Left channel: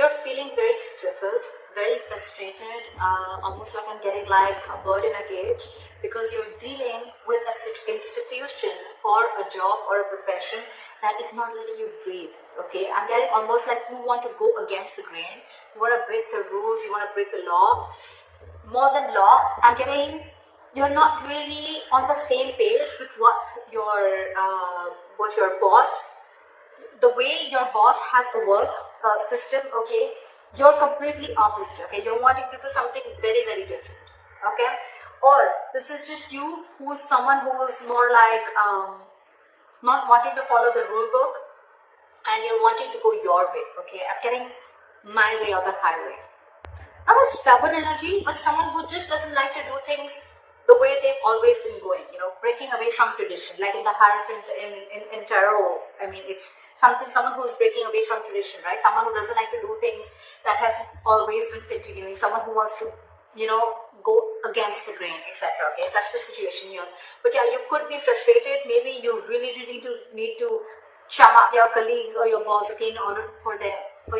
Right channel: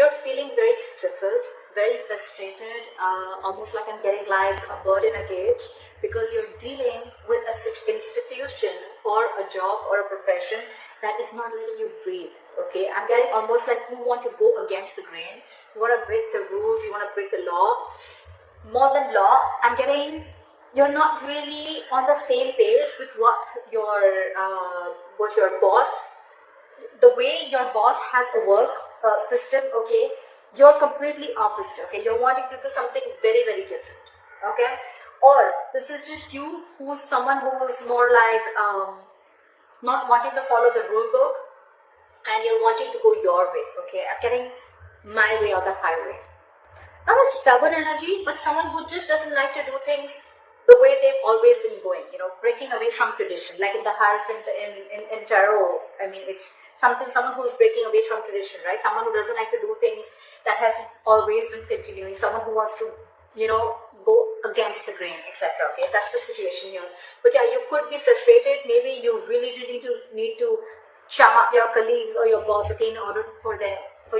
you're feeling very stifled, very frustrated, almost like I'm getting like a bird in a cage, because you're dealing with a institution or a job or a profession that is not letting you breathe. Okay, I'm getting almost like you want to go against the grain, you want to break the rules, you want to break the law. More than law, I'm getting you're not really on the same page with what your boss, the way your boss has a work system. Okay, you're completely opposite. Okay, you're wanting to do something very, very different. Okay, or this is just you who's someone who is more like not wanting to follow the rule book, and you're wanting to go your way. Okay, I'm getting my way or the highway. Not a stubborn energy, but someone who just doesn't like to do things the way they've always been going, breaking away from tradition. Like in the Hierophant in Tarot, I mean, it's someone who's breaking away from tradition, right? Someone who doesn't like to do things that has always been continuing, someone who wants to, go against the grain, etc. Okay, that's the situation here. But yeah, you could be frustrated. Maybe you really, really need to chum up your colleagues or your boss, okay, in order for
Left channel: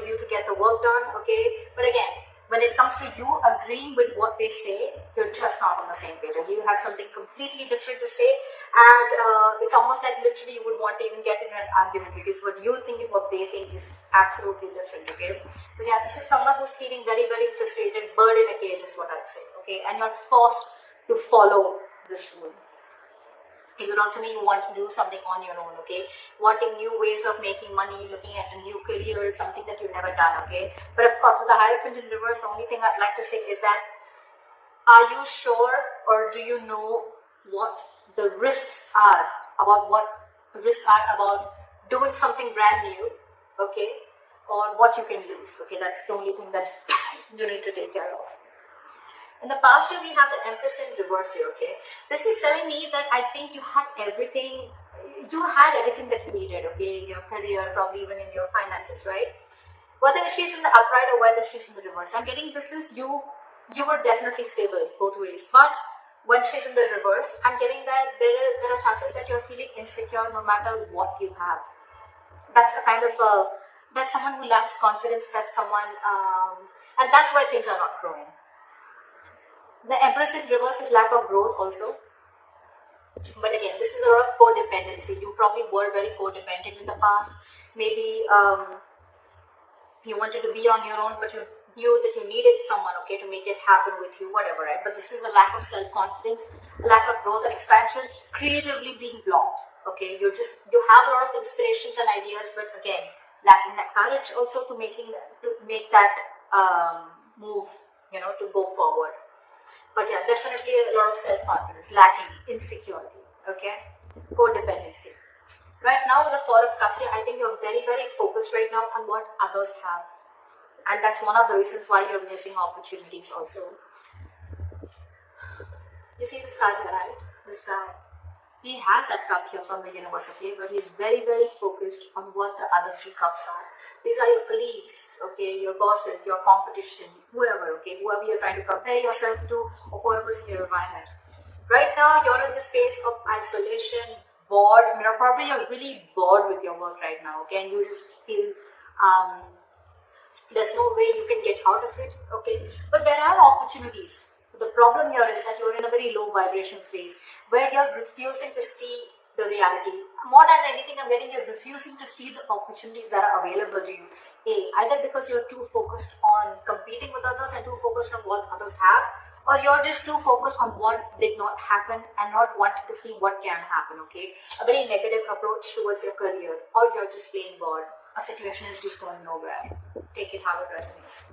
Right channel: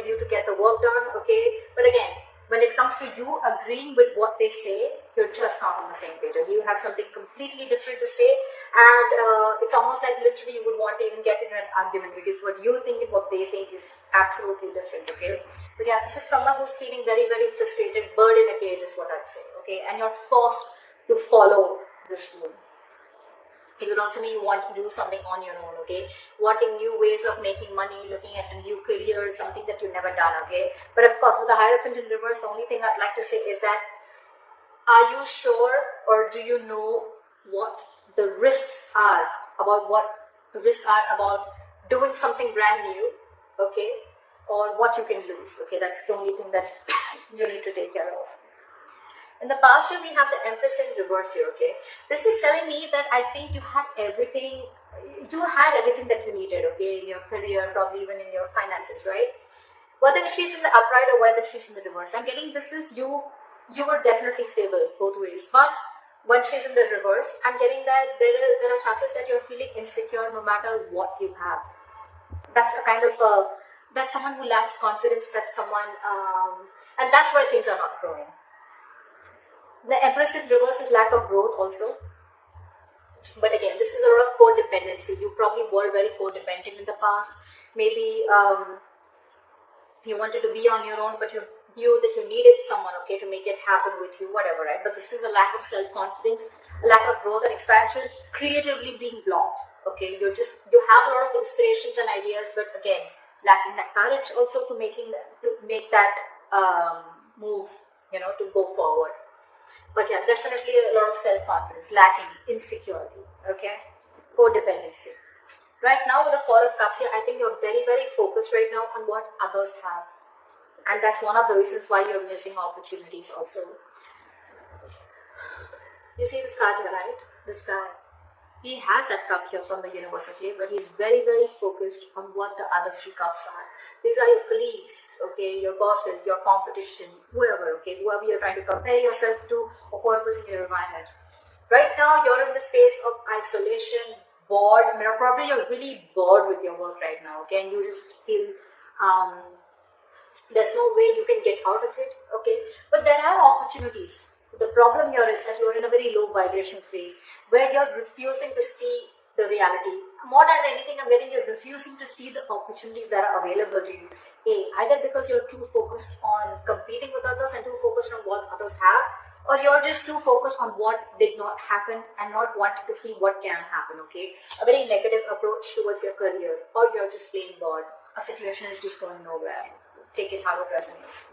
you to get the work done, okay? But again, when it comes to you agreeing with what they say, you're just not on the same page. Okay? You have something completely different to say, and it's almost like literally you would want to even get in an argument, because what you think and what they think is absolutely different. Okay, but yeah, this is someone who's feeling very, very frustrated, bird in a cage is what I'd say. Okay, and you're forced to follow this rule. It would also mean you want to do something on your own, okay? Wanting new ways of making money, looking at a new career is something that you've never done, okay? But of course, with the Hierophant in reverse, the only thing I'd like to say is that, are you sure, or do you know what the risks are about doing something brand new, okay? Or what you can lose, okay? That's the only thing that you need to take care of. In the past year, we have the Empress in reverse here, okay? This is telling me that I think you had everything that you needed, okay? In your career, probably even in your finances, right? Whether she's in the upright or whether she's in the reverse, I'm getting this is you were definitely stable both ways. But when she's in the reverse, I'm getting that there are chances that you're feeling insecure no matter what you have. That's the kind of, that's someone who lacks confidence, that's someone, and that's why things are not growing. The Empress in reverse is lack of growth also. But again, this is a lot of codependency. You probably were very codependent in the past. Maybe you wanted to be on your own, but you knew that you needed someone, okay, to make it happen with you, whatever, right? But this is a lack of self-confidence, lack of growth and expansion, creatively being blocked, okay? You have a lot of inspirations and ideas, but again, lacking that courage also to make that move, to go forward. But yeah, definitely a lot of self-confidence, lacking, insecurity, okay? Codependency. Right now with the Four of Cups here, I think you're very, very focused right now on what others have. And that's one of the reasons why you're missing opportunities also. You see this card here, right? This guy. He has that cup here from the universe, okay? But he's very, very focused on what the other three cups are. These are your colleagues, okay? Your bosses, your competition, whoever, okay? Whoever you're trying to compare yourself to, or whoever's in your environment. Right now, you're in the space of isolation, bored. Probably you're really bored with your work right now, okay? And you just feel there's no way you can get out of it, okay? But there are opportunities. The problem here is that you're in a very low vibration phase where you're refusing to see the reality. More than anything, I'm getting you're refusing to see the opportunities that are available to you. Either because you're too focused on competing with others and too focused on what others have, or you're just too focused on what did not happen and not wanting to see what can happen, okay? A very negative approach towards your career, or you're just being bored. A situation is just going nowhere. Take it how it resonates.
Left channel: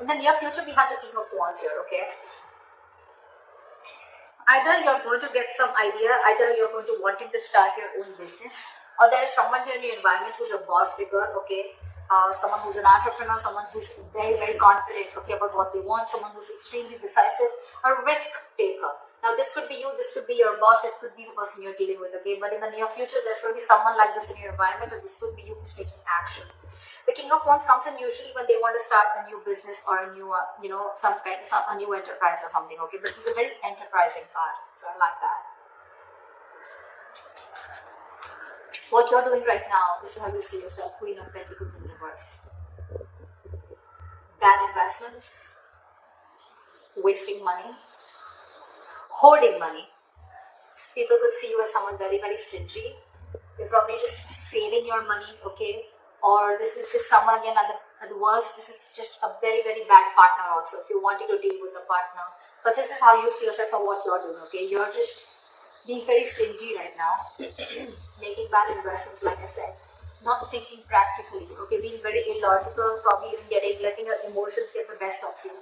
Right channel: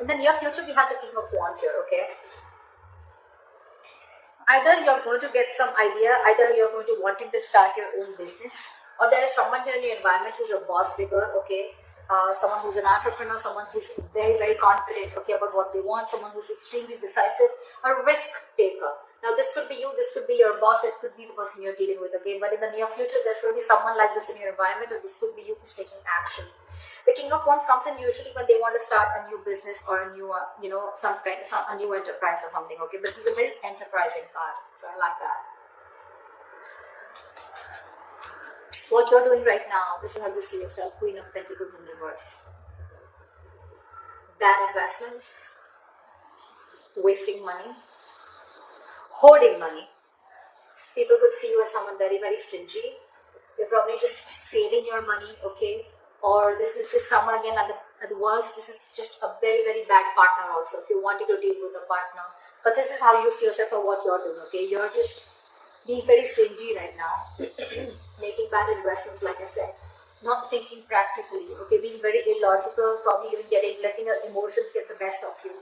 In the near future, we have the King of Wands here, okay? Either you're going to get some idea, either you're going to want to start your own business, or there is someone here in your environment who's a boss figure, okay? Someone who's an entrepreneur, someone who's very, very confident, okay, about what they want, someone who's extremely decisive, a risk taker. Now, this could be you, this could be your boss, that could be the person you're dealing with, okay? But in the near future, there's going to be someone like this in your environment, or this could be you who's taking action. The King of Wands comes in usually when they want to start a new business or a new, a new enterprise or something, okay? But it's a very enterprising card, so I like that. What you're doing right now, this is how you see yourself, Queen of Pentacles in reverse. bad investments, wasting money, hoarding money. People could see you as someone very, very stingy. You're probably just saving your money, okay? Or this is just someone, again, at the worst, this is just a very, very bad partner also, if you wanted to deal with a partner. But this is how you see yourself and what you're doing, okay? You're just being very stingy right now, making bad investments, like I said, not thinking practically, okay? Being very illogical, probably even letting your emotions get the best of you.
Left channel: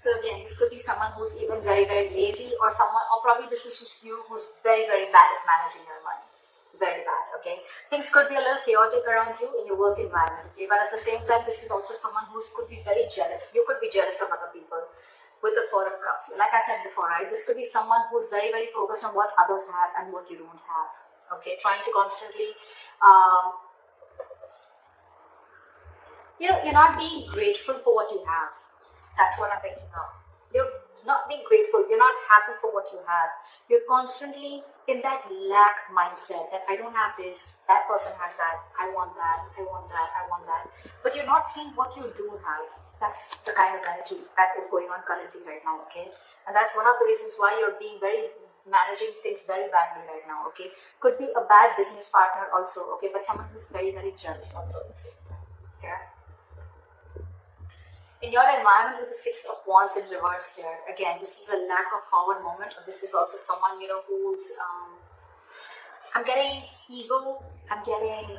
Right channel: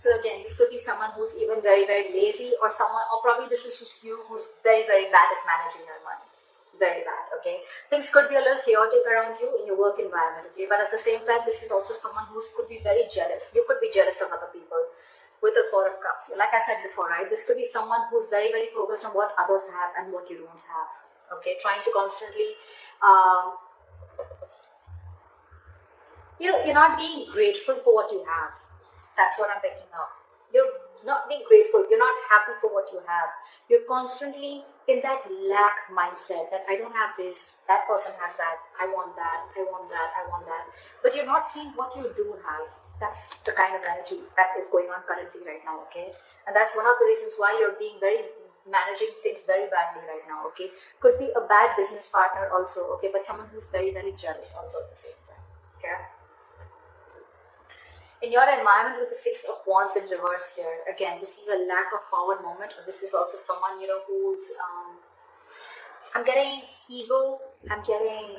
So again, this could be someone who's even very, very lazy, or probably this is just you who's very, very bad at managing your money. Very bad, okay? Things could be a little chaotic around you in your work environment, okay? But at the same time, this is also someone who could be very jealous. You could be jealous of other people with the Four of Cups. Like I said before, right? This could be someone who's very, very focused on what others have and what you don't have, okay? Trying to constantly, you're not being grateful for what you have. That's what I'm picking up. You're not being grateful. You're not happy for what you have. You're constantly in that lack mindset that I don't have this, that person has that, I want that, I want that, I want that. But you're not seeing what you do have. That's the kind of energy that is going on currently right now, okay? And that's one of the reasons why you're managing things very badly right now, okay? Could be a bad business partner also, okay? But someone who's very, very jealous also at the same time, okay? In your environment with the Six of Wands in reverse here, again, this is a lack of forward moment, or this is also someone, who's, I'm getting ego, I'm getting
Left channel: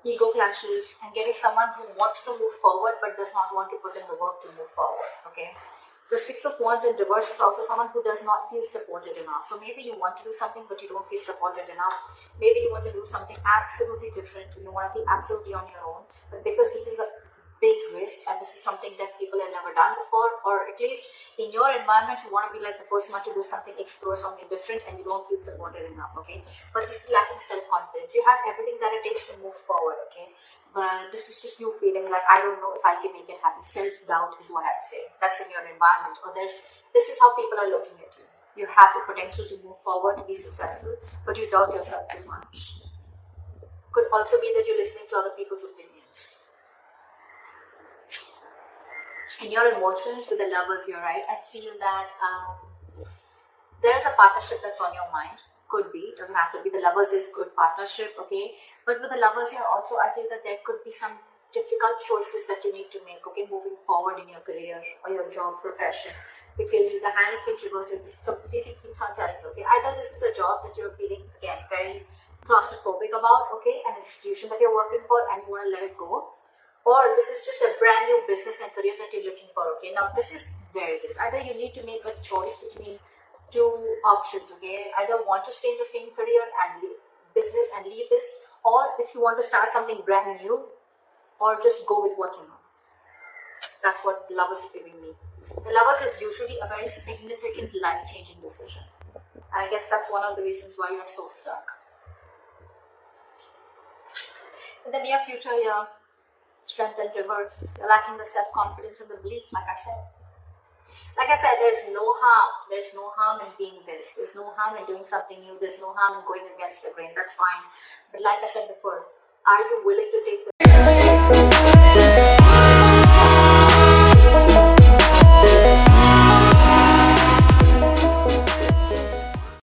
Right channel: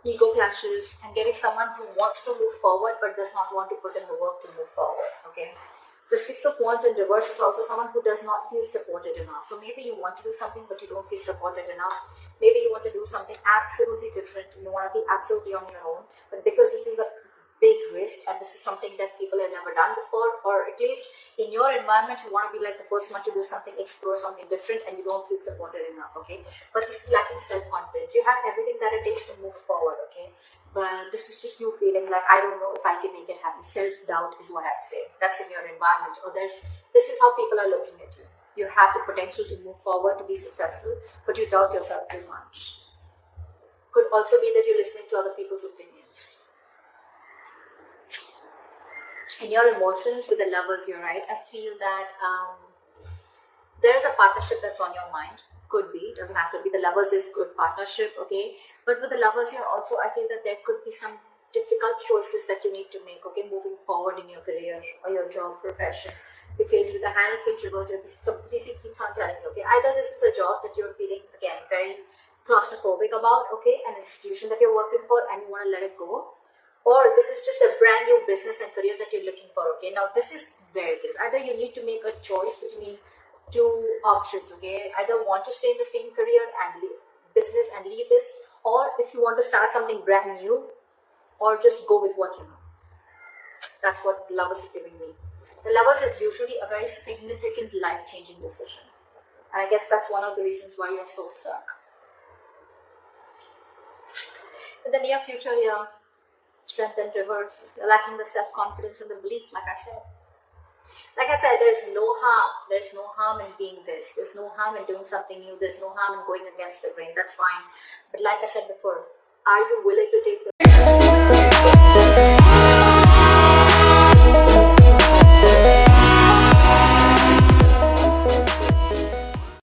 ego clashes, I'm getting someone who wants to move forward but does not want to put in the work to move forward, okay? The Six of Wands in reverse is also someone who does not feel supported enough. So maybe you want to do something but you don't feel supported enough. Maybe you want to do something absolutely different, you want to be absolutely on your own, but because this is a big risk and this is something that people have never done before, or at least in your environment you want to be like the person who wants to do something, explore something different, and you don't feel supported enough, okay? But this is lacking self-confidence. You have everything that it takes to move forward, okay? But this is just you feeling like, I don't know if I can make it happen. Self-doubt is what I'd say. That's in your environment, or this is how people are looking at you. You have the potential to move forward, to be successful, but you doubt yourself too much. Could also be that you're listening to other people's opinions. In your emotions with the Lovers, you're right. I feel that there is a partnership that's on your mind. Could be, doesn't have to be. The Lovers is good partnership, okay? But with the Lovers here also, I feel that there could be some difficult choices that you need to make, okay? Moving forward in your career or your job, profession. Because with the Hierophant reverse, this completely keeps on telling you, okay? Either this is a job that you're feeling, again, very claustrophobic about, okay? An institution that you're working for and you want to let it go. Or this is just a brand new business and career that you're looking for, okay? Now, this is where it is. Either you need to make a choice between two options, okay? Either want to stay in the same career and business and leave this, or if you want to start something brand new, or just go with what you know. That's what the Lovers is giving me. The Lovers is usually a very significant life-changing decision. And I guess that's one of the reasons why you're so stuck. In the near future, you're strength and reverse. You're lacking the self-confidence and the belief, like I said. Like I said, there's no harm. There's no harm in being this. There's no harm in doing something new. There's no harm in going against the grain. That's fine. But like I said before, are you willing to take the